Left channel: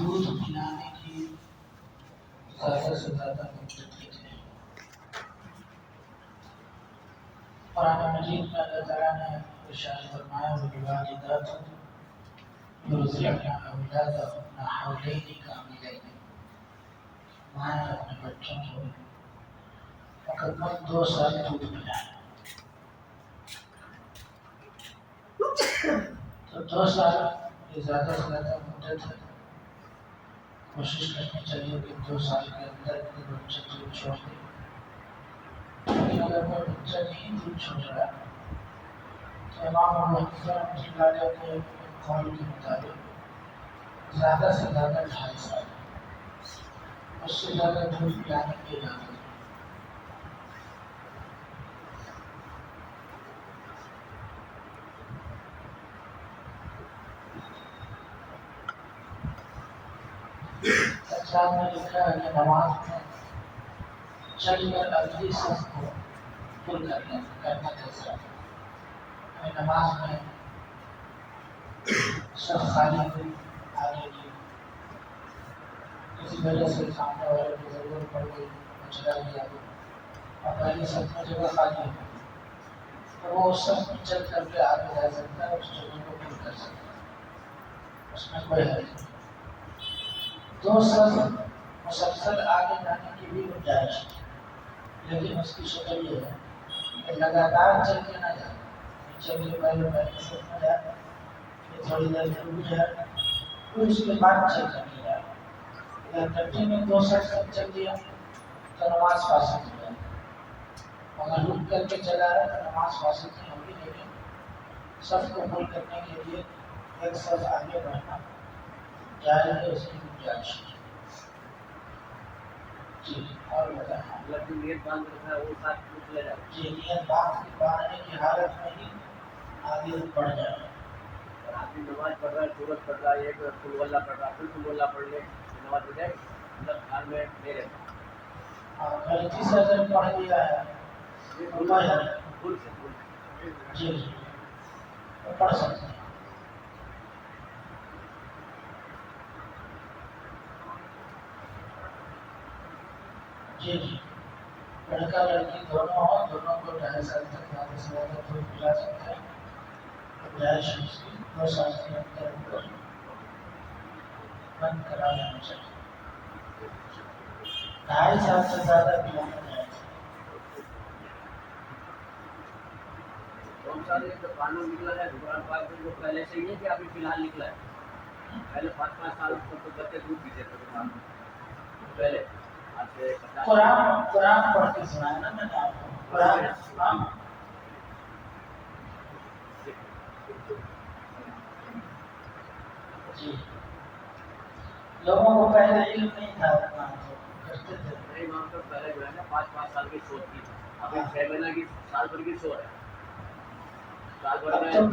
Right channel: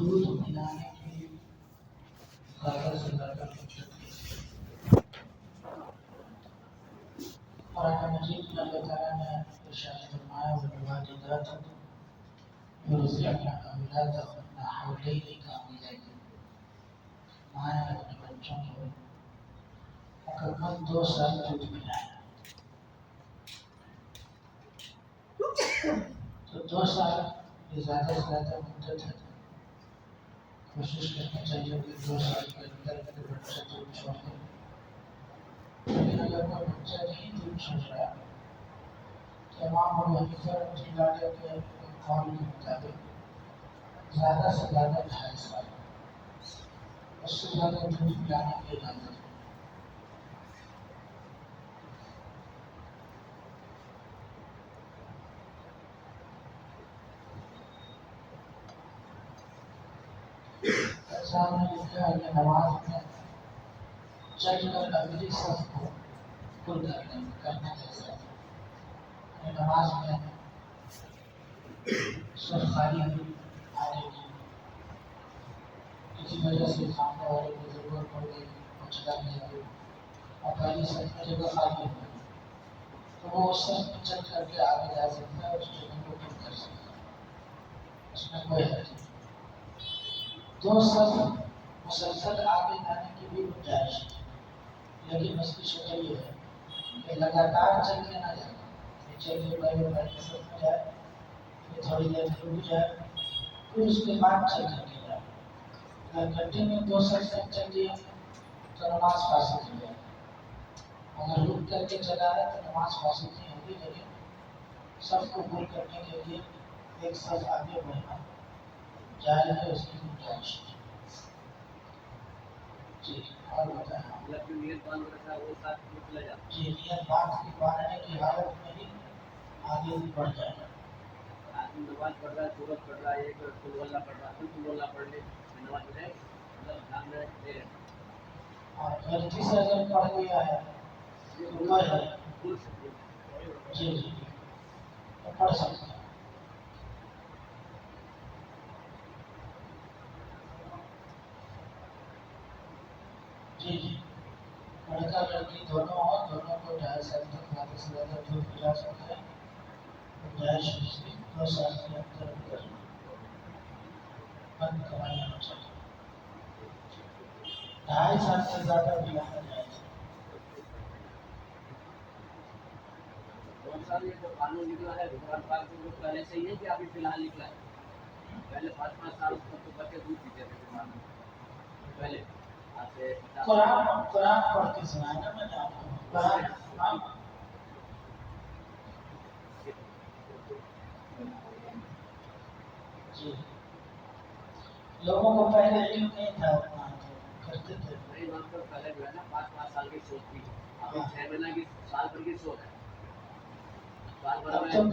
دودھ پلانے کی زیادہ سے زیادہ مدت کیجیے۔ قرآن مجید میں اللہ تعالیٰ نے ارشاد فرمایا والوالدات یرضعن اولادهن حولین کاملین، مائیں اپنے بچوں کو مکمل 2 سال دودھ پلائیں۔ تو 2 سال یہ زیادہ سے زیادہ مدت ہے، کوشش کرنی چاہیے کہ 2 سال کے اندر کوئی بچہ دودھ چھوڑ دے۔ لیکن اگر کوئی بچہ نہیں دودھ چھوڑ رہا تو امام ابو حنیفہ رحمۃ اللہ علیہ کے ایک قول کے مطابق زیادہ سے زیادہ 2.5 سال، اس سے زیادہ دودھ پلانے کی اجازت ہے۔ صاحب نے لکھا ہے کہ نماز میں چل کر اگلی صف کو پر کرنا کیسا ہے؟ یعنی نماز میں صف خالی ہوئی آگے کی، کسی وجہ سے سامنے والے کی ضرورت پڑ گئی، وہ چلا گیا اور پہلی صف میں جگہ خالی ہو گئی، تو وہ اس صف میں چل کر کے آگے جا سکتا ہے، اس جگہ کو پر کر سکتا ہے، اس میں کوئی حرج نہیں۔ 2 صف مسلسل آگے جانے کی بھی گنجائش ہے، لیکن اس کی شکل یہ ہے کہ لگاتار چل کے نہ جائے، چل کے پہلے پہلی صف میں جائے، پھر تھوڑی دیر رک جائے، پھر اس کے بعد چل کر کے جائے۔ اگر کنٹینیو 2 صف تک چل دیا تو نماز فاسد ہو جائے، اگر رک کر کے چلا رہا تو نماز فاسد نہیں ہوگی، لیکن صف کو پور کرنے کے لیے ایک صف آگے بڑھنا جائز ہے، اس کی گنجائش ہے۔ جی اور بتائیں، نیت باندھ رکھا ہے وہ ساتھ چلا جائے؟ جی نیت باندھنے کی حالت میں ہی آگے بڑھ جائے۔ اور آدمی نماز پڑھ رہا ہے، سورت پڑھ رہا ہے، ایک قل اللہ پڑھ رہا ہے، پھر قل اللہ پڑھ لے، نماز ہو جائے، مطلب دھیان میں لے لے۔ اور غلطی سے اگر پڑھ لیا ہے تو کوئی ہے بھول سے جی جی تو پڑھ سکتے ہیں۔ جی جی لڑکا لڑکی دونوں ہوں، دونوں کو 2.5 سال تک زیادہ سے زیادہ دودھ پلا سکتے ہیں، گنجائش اس کی 2 سال کے اندر بند کرا لینا چاہیے۔ 2.5 سال سے زیادہ پلانا جائز ہے۔ 2 سال ایک تو قانون نکلا ہے قرآن پاک میں، جو پہلے سے ہی ہے کہ ابھی فی الحال نکلا ہے؟ پہلے 5 سال تو بچے دودھ پیتے تھے پہلے۔ قرآن پڑھ کے سنایا نا میں نے آپ کو، قرآن جی لوگوں کو پہلے علم نہیں تھا اتنا تو کرتے تھے۔ نہیں ماں تو پہلے جو ہے نا 5 سال کی سوچ تھی، ابھی 6 مہینہ کی سال بھر کی سوچ ہے، سال بھر میں 12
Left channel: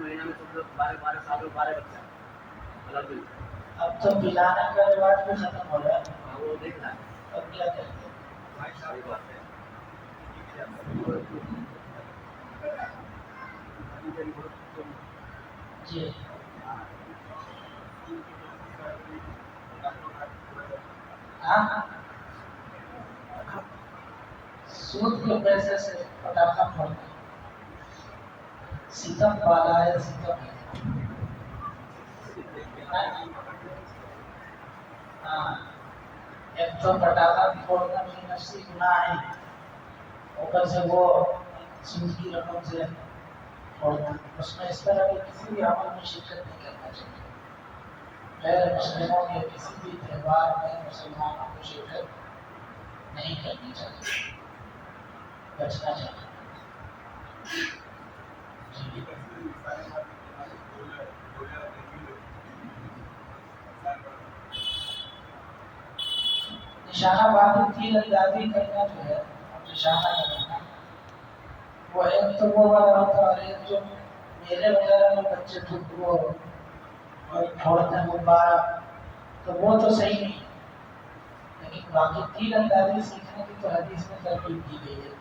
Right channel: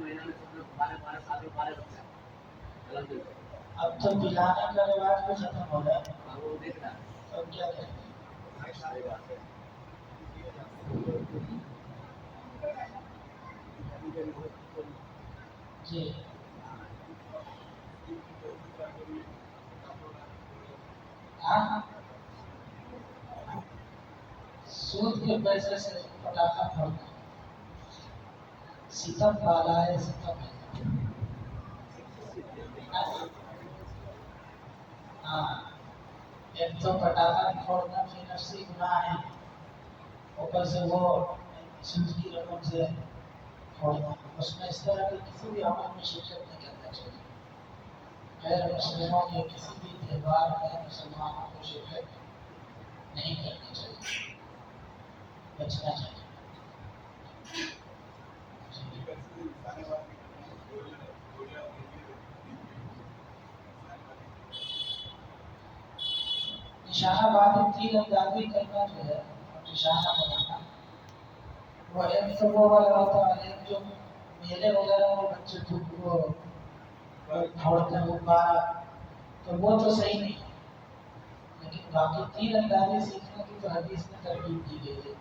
مہینہ میں سب لوگ 12 سال میں 12 بچہ الگ ملتا ہے۔ اب تو پلانے کا رواج بھی ختم ہو رہا ہے، وہ دیکھ رہا ہے، اب کیا کہتے ہیں بات ہے۔ جی ہاں سود کے پیسے سے پٹاخہ پھوڑتے، ستم بالا ہے، ستم ہے۔ ہاں ایک تو پٹاخہ پھوڑنا بھی نفسی گناہ ہے، اوپر سے وہ سود کی رقم سے پھوڑنا، اس میں اس طرح کے کسی بھی عمل میں شرکت نہیں کرنا چاہیے۔ غیر مسلموں کے کسی بھی تہوار میں مسلمانوں کو شرکت نہیں کرنی چاہیے، بچنا چاہیے۔ نشانہ بازی تیر اندازی کرنا جو ہے، نشانہ لگانا، وہ ایک تو وہ والا ہوتا ہے، ایک جو میلے وغیرہ میں بچے وہ پھوڑتے ہیں غبارہ، تو وہ تو صحیح نہیں ہے، لیکن باقی تیر اندازی سیکھنے کی تو حدیث میں ترغیب کی گئی ہے،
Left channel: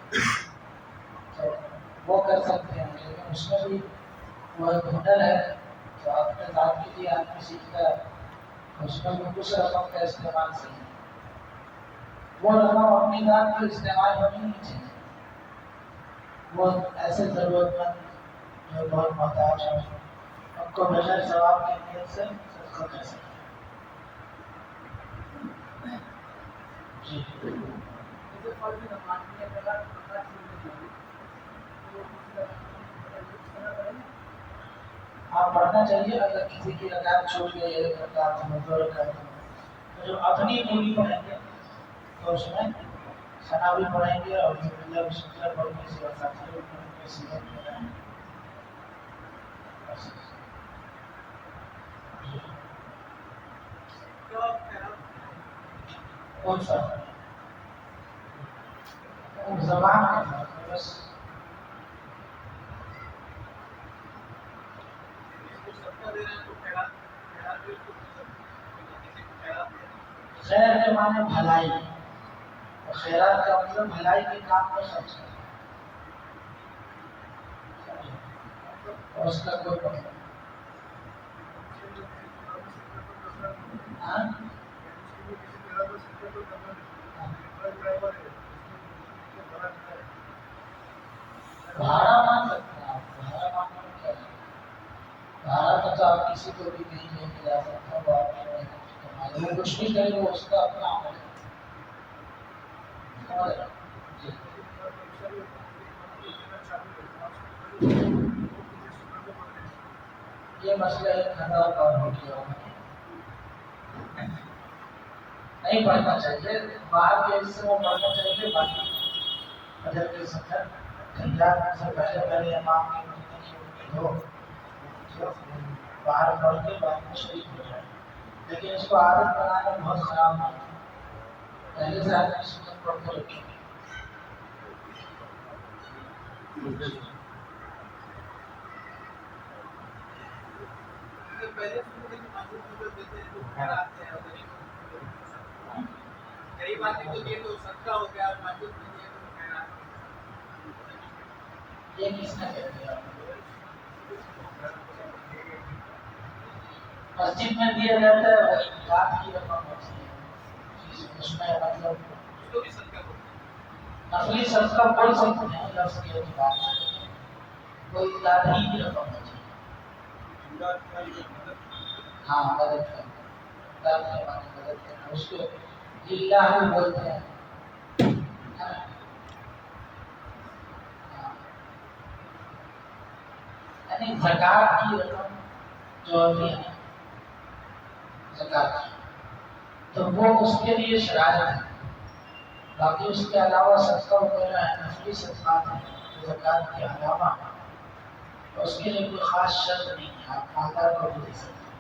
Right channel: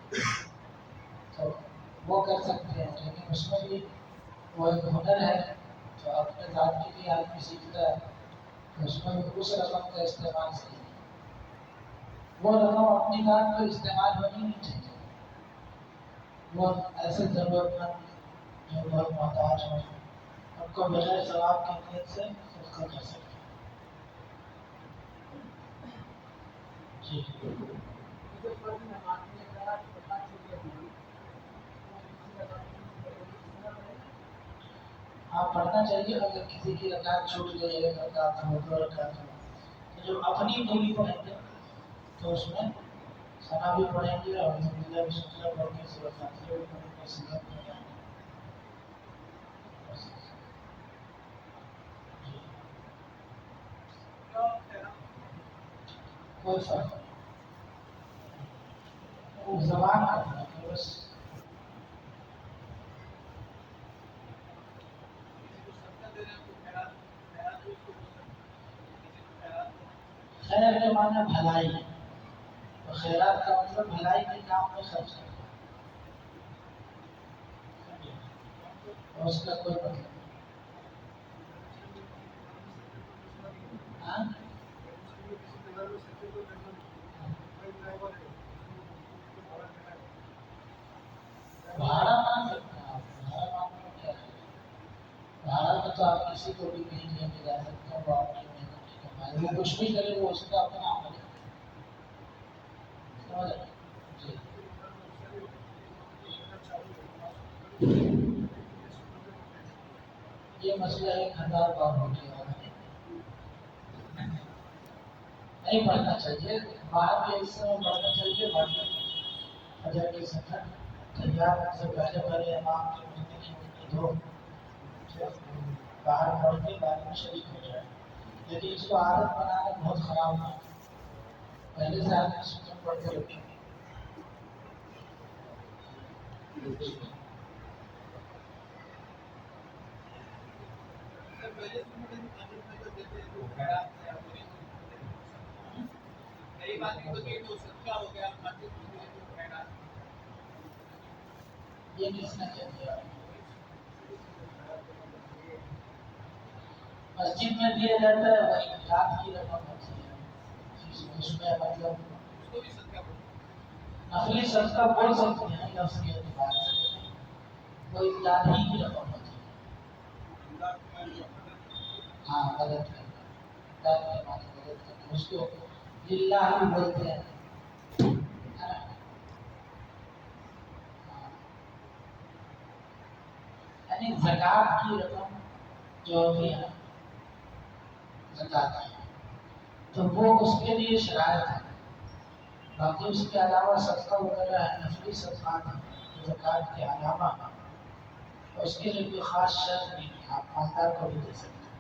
تو وہ کر سکتے ہیں، لیکن اس میں بھی وہ ایک ہنر ہے، تو اپنے ذات کے لیے آدمی سیکھتا ہے، اس میں اس رقم کا استعمال صحیح ہے. وہ رقم اپنی ذات پر استعمال ہونی نہیں چاہیے. وہ ایسے ضرورت مند جو بہت محتاج ہیں ان کو بغیر ثواب کی نیت سے صدقہ کر سکتے ہیں. جی آپ پڑھنا چاہیے. اگر کسی کی رکعت چھوٹ گئی ہے، ایک رکعت ہو، دو رکعت ہو، تو جو اپنی پوری پڑھیں گے تو اس میں ثنا بھی پڑھیں گے اور الحمدللہ بسم اللہ پڑھ کے سورہ فاتحہ بھی پڑھیں گے، سیرت بھی پڑھیں گے. جی کوئی فرق نہیں، زبان کا فرق ہے بس. خیر کے معنی بھلائی، خیرات کا مطلب بھلائی کے کام میں خرچ کرنا، اور اس کا کوئی مطلب نہیں. ہاں بھاڑا مان سکتے ہیں آپ، بھاڑا ماننے میں کیا ہے؟ بھاڑا کا تو آپ کسی کو بھی کہیں لے کے جا سکتے ہیں، وہ آپ کو نہیں کمائے، وہ کچھ بھی کرے وہ اس کا اپنا عمل ہے. سمجھ رہے ہیں؟ جی یہ مسئلہ 1000 بار ہو گیا، نہیں پڑھنا چاہیے. باہر کے حصے میں پڑھنا چاہیے، باقی فجر کے سفر تیار سے پہلے پہلے امام کے ملنے کی امید ہو تو باہر پڑھ کے بعد میں شریک ہو جائے. لیکن اس کو عادت بنانا بہت خراب ہے. پہلے سے آدمی سنت پڑھ کے رکھے. یہ کس نے کہہ دیا؟ مسجد میں دیا جاتا ہے وہ امداد کی رقم ہوتی ہے، اس میں مطلب نفلی صدقہ بول سکتے ہیں لفظ کے اعتبار سے، لیکن وہ امداد ہی کی رقم ہوتی ہے. ہاں مدد کرنا، امداد کے معنی مدد کرنا، اس کو للہ بولتے ہیں. یعنی زکوٰۃ کی رقم جو ہوتی ہے زکوٰۃ کی، تو وہ اس کے لیے شرائط ہے. باقی اس کے علاوہ صدقہ وغیرہ ہے، نفلی صدقات ہیں زکوٰۃ کے علاوہ، تو اس کے لیے کوئی خاص شرط نہیں ہے. آپ مالدار کو بھی دے سکتے ہیں،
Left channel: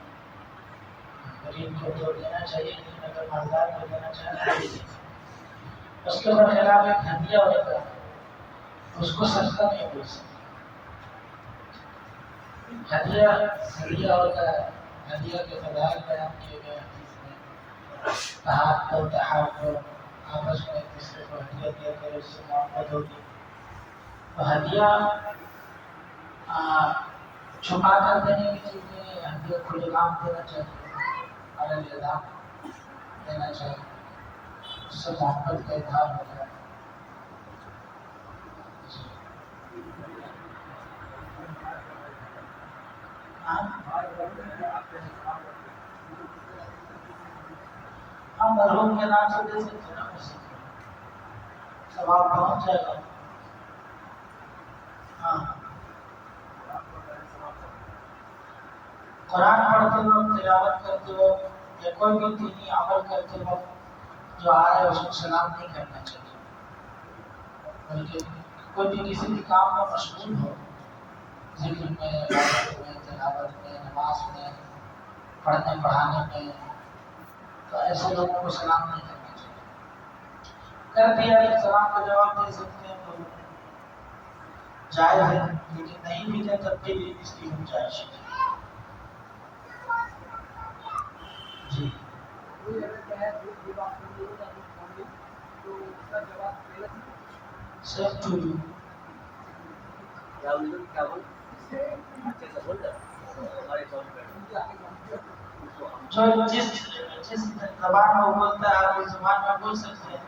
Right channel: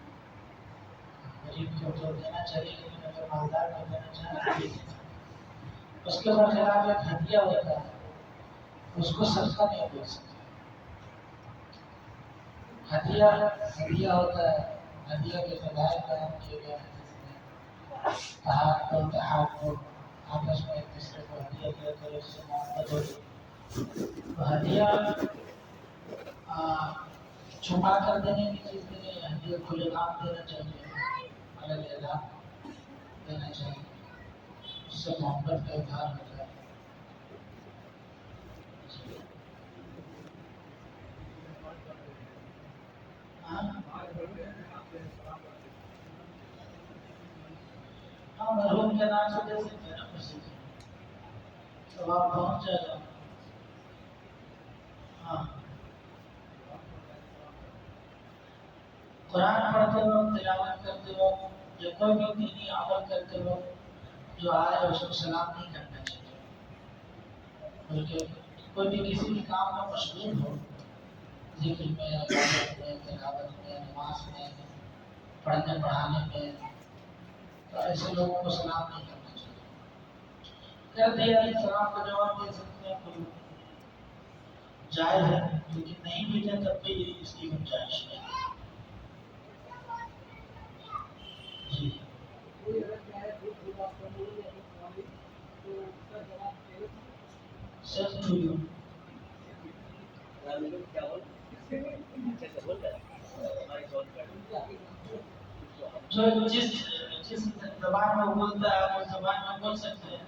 غریب کو تو دینا چاہیے لیکن اگر مالدار کو دینا چاہیں تو بھی دے سکتے ہیں. اس کے برخلاف ایک ہدیہ ہوتا ہے، اس کو صدقہ نہیں بول سکتے. ہدیہ ہوتا ہے، ہدیہ کے فضائل بیان کیے گئے ہیں جس میں تحاد تحاب آپس میں ایک دوسرے کو ہدیہ دیا کرے، اس سے محبت ہوگی. تو ہدیہ چھپا کر دینے کی چیز نہیں ہے، ہدیہ کھلے عام دینا چاہیے، اعلان دینا چاہیے، اس سے محبت کا اظہار ہوتا ہے. ہم مرحوم کے نام سے دے سکتے ہیں نا، مسجد میں ثواب پہنچ جائے گا. ہاں قرآن پڑھتے وقت، تلاوت کرتے وقت یا کوئی بھی دینی عمل کرتے وقت جو آئے اس کو سلام نہیں کرنا چاہیے، بلکہ کوئی بھی کسی بھی کام میں مشغول ہو، ذکر میں، عبادت میں، تلاوت میں، نماز میں، پڑھنے پڑھانے میں، تو ایسے لوگوں کو سلام نہیں کرنا چاہیے. کر دیا تو سلام کا جواب دے سکتے ہیں تو جائز ہے، لیکن نہیں بھی دیں تب بھی اس کی گنجائش ہے. جی سیم ٹو یو. جو جس زبان میں بولتا ہے آپ اس زبان میں بول سکتے ہیں.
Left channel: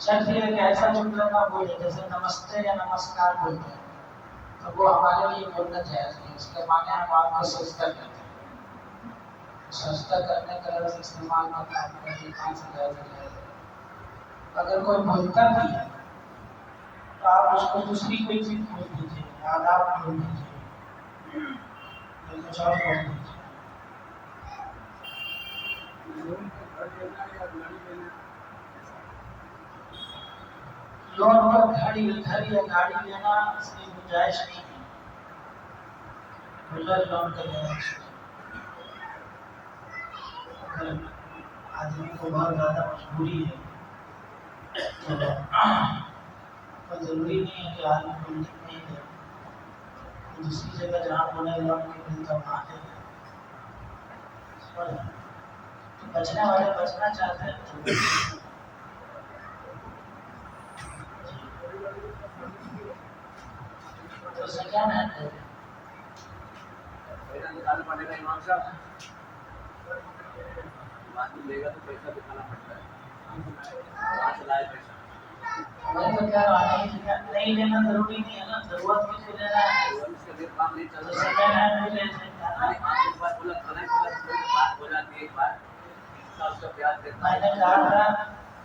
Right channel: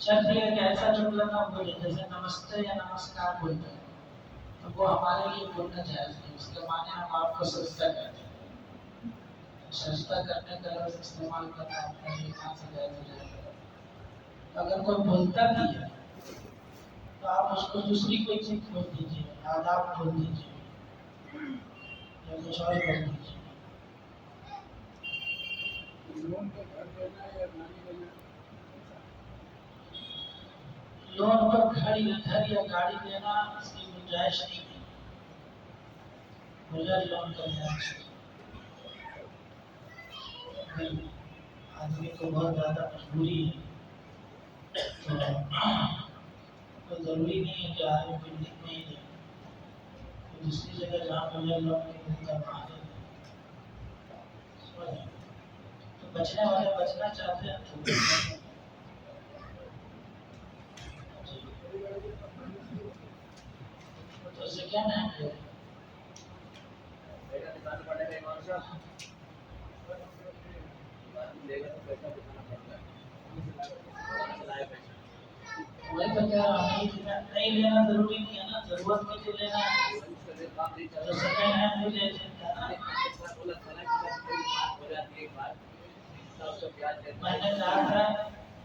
شرط یہ ہے کہ ایسا جملہ نہ بولے جیسے نمستے یا نمسکار بولتے ہیں، تو وہ ہمارے لیے بولنا جائز نہیں. اس کے معنی ہم آپ کو سجدہ کرتے ہیں. سجدہ کرنے کا لفظ استعمال نہ کرنے کہاں سے جائز ہو جائے گا؟ اگر کوئی بولتا بھی ہے تو آپ اس کو دوسری کوئی چیز بول دیجیے، آداب بول دیجیے یا کچھ اور بول دیجیے. لون پر گھر یا گاڑی لینا اس کی گنجائش نہیں ہے. بغیر لون کا لینا چاہیے. اگر آدمی کو بہت زیادہ مجبوری ہے تو ضروری نہیں ہے کہ آدمی بلڈنگ میں ہی لے، دوسری جگہ جہاں بولے لون کی ملتا وہاں لے لیں. سمجھ رہے ہیں؟ تو بچنے والے بچنا چاہتے ہیں تو سیکنڈ ہینڈ لے لیں. پڑے گا امام صاحب لے گا تو پیسہ دکھانا پڑتا ہے. کہاں سے لائے پیسہ؟ میں تو کہہ رہا نہیں لینا ضروری نہیں ہے نا، ضرورت کے لیے لینا ہے تو سیکنڈ ہینڈ بھی لے سکتے ہیں نا.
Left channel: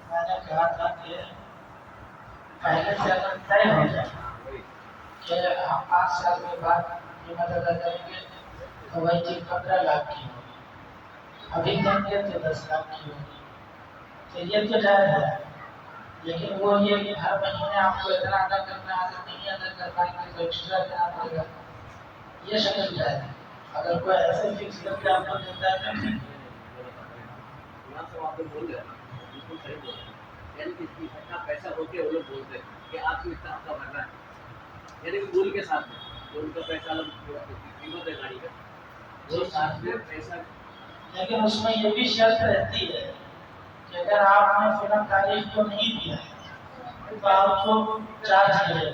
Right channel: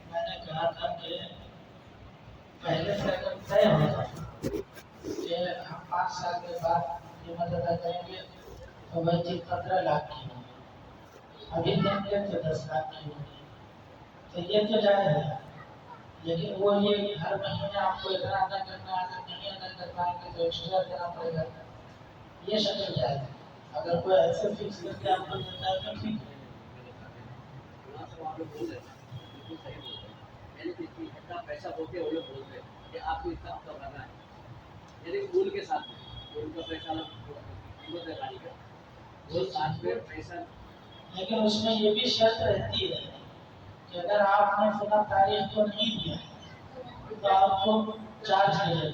میں نے کہا تھا کہ پہلے سے اگر طے ہو جائے کہ ہم 5 سال کے بعد قیمت ادا کریں گے تو وہی چیز 15 لاکھ کی ہوگی، ابھی دیں گے تو 10 لاکھ کی ہوگی، تو یہ تو جائز ہے. لیکن وہ یہ کہ ہر مہینے آپ کو اتنا ادا کرنا ہے، اگر نہیں ادا کر پائیں گے تو ایکسٹرا دینا پڑے گا. یہ شکل جائز ہے. اگر کوئی ایسے فکس کر کے آپ کو دیتا ہے تو آپ لوگ بول رہے ہیں بالکل صحیح بول رہے ہیں. یعنی کہ اتنا پیسہ ہو کے وہ لوگ بولتے ہیں کہ آپ کو اتنا ہفتہ بھرنا ہے، یعنی کہ بول کے ساتھ میں جو ان کا پیسہ قیمت ہے گاڑی کا وہ ساتھ میں پیسہ. لیکن اس میں یہ بھی شرط رہتی ہے کہ اگر آپ نے فلاں تاریخ کو نہیں دیا تو آپ کو چارج کرے گا.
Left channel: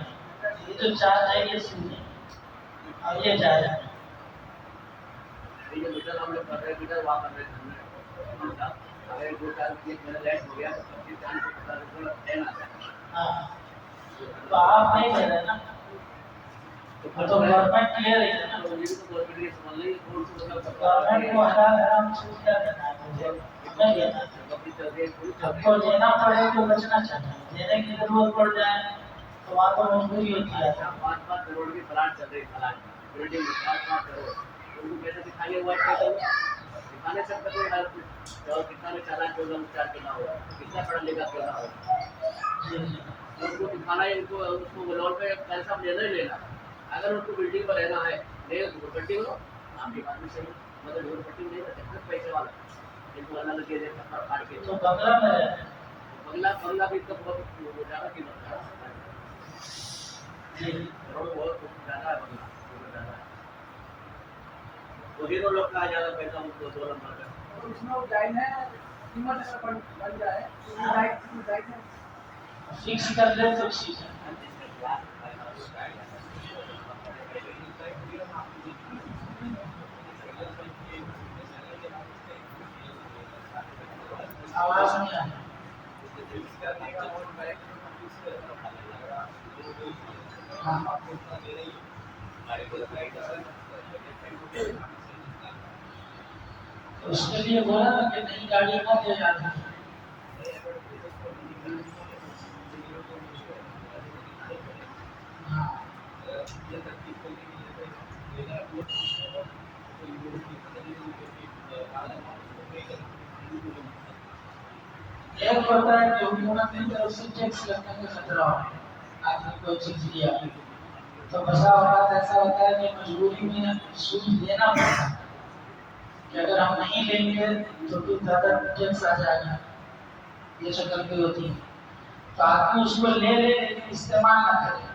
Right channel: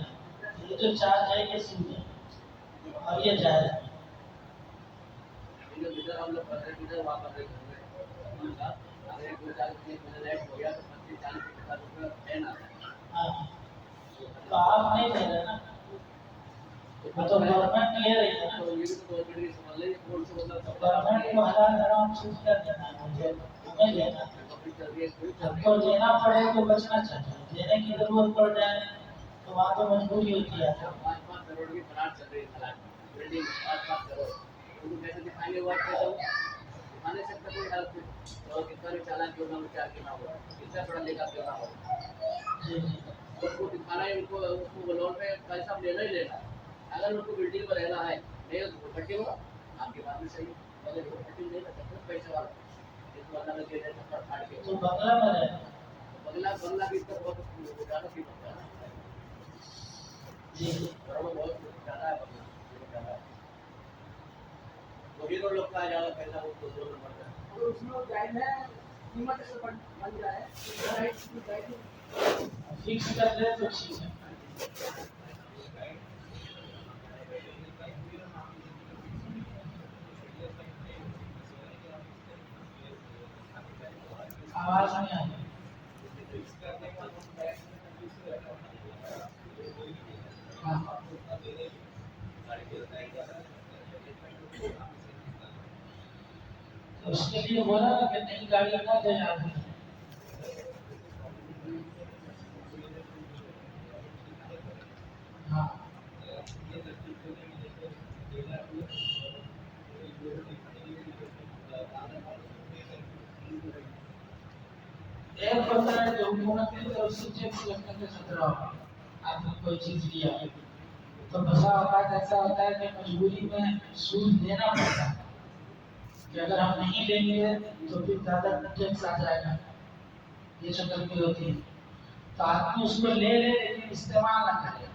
یہ جو چارج ہے یہ سنیے اور یہ جائز ہے. میٹر ہم لوگ کر رہے ہیں، میٹر وہاں کر رہے ہیں. اگر 2-4 مہینے لیٹ ہو گیا تو 25-40 روپئے فین آتا ہے. ہاں تو آپ نہیں دے رہے نا، تو گورنمنٹ لے رہی ہے نا. گورنمنٹ کو حلال حرام چیز کیا دینا ہے مجھے نہیں دینا. ہم کو دینا پڑے تو بچنا چاہیے. دینے کی ضرورت پڑ جائے تو وہاں تو مجبوری ہوتی ہے. 5-5 کروڑ کی پلاٹ چل رہی ہے، پلاٹ بلڈنگ 5-5 کروڑ ان کو کیسے دکھائیے؟ وہ دکھا نہیں سکتا کوئی حال اور کتنا میں چالان ہوگا چار کرنا ہوگا، کتنا پڑھا لکھا کرنا ہوگا. ان کو دکھانا ہے، ان کو اس کو لون پہ پیسہ لینا ہی لینا. اگر ان کو بلڈنگ پر رہنا ہے نہیں تو پٹی ہو آپ کی بات بھی صحیح، مگر وہ پٹی نہیں رہ سکتے پیسے والا ان کو الگ لگے رہے تھپڑ پھاڑ کے. تو بنگلہ میں رہے بنگلہ بھی اس کا بہت زیادہ قیمت ہے. بہت زیادہ ہے بنگلہ، بہت زیادہ ہے. وہ ہیرو لوگ کا زیادہ پیسہ اس کو 2 نمبر کا. اور اس میں وہ جائز ہے قیمت اگر بن جائے فکس کر لیں تو ٹھیک ہے. آواز نہیں آ اس کے لیے بولا نا کہ نئی گاڑی نہ دے جاتی. ہاں ایک ہوتا ہے کہ حکومت کی طرف سے ٹیکس لگنے کا خطرہ ہو، آپ نے کوئی چیز لیا تو بسا اوقات ایسا ہوتا ہے کہ مجبوری میں سود لینا پڑتا ہے کہ اگر ہم نہیں لیں گے تو پھر زیادہ ٹیکس آ جائے گا. یہ شکل بھی ہوتی ہے. تو آدمی اس کو لے لے لیکن استعمال نہ کرے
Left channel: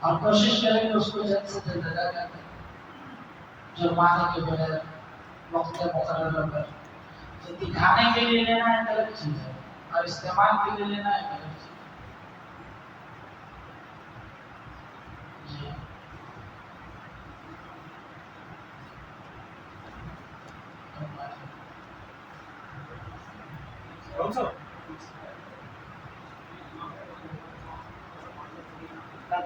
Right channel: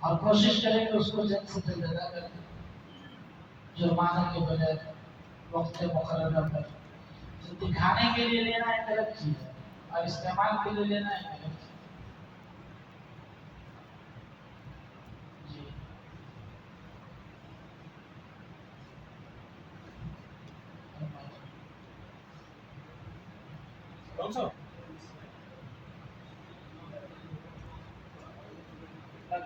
اور کوشش کرے کہ اس کو جلد سے جلد ادا کر دیں جرمانے کے بغیر وقت مقررہ پر. تو دکھانے کے لیے لینا ایک الگ چیز ہے اور استعمال کے لیے لینا ایک الگ چیز ہے. جی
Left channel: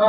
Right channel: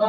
9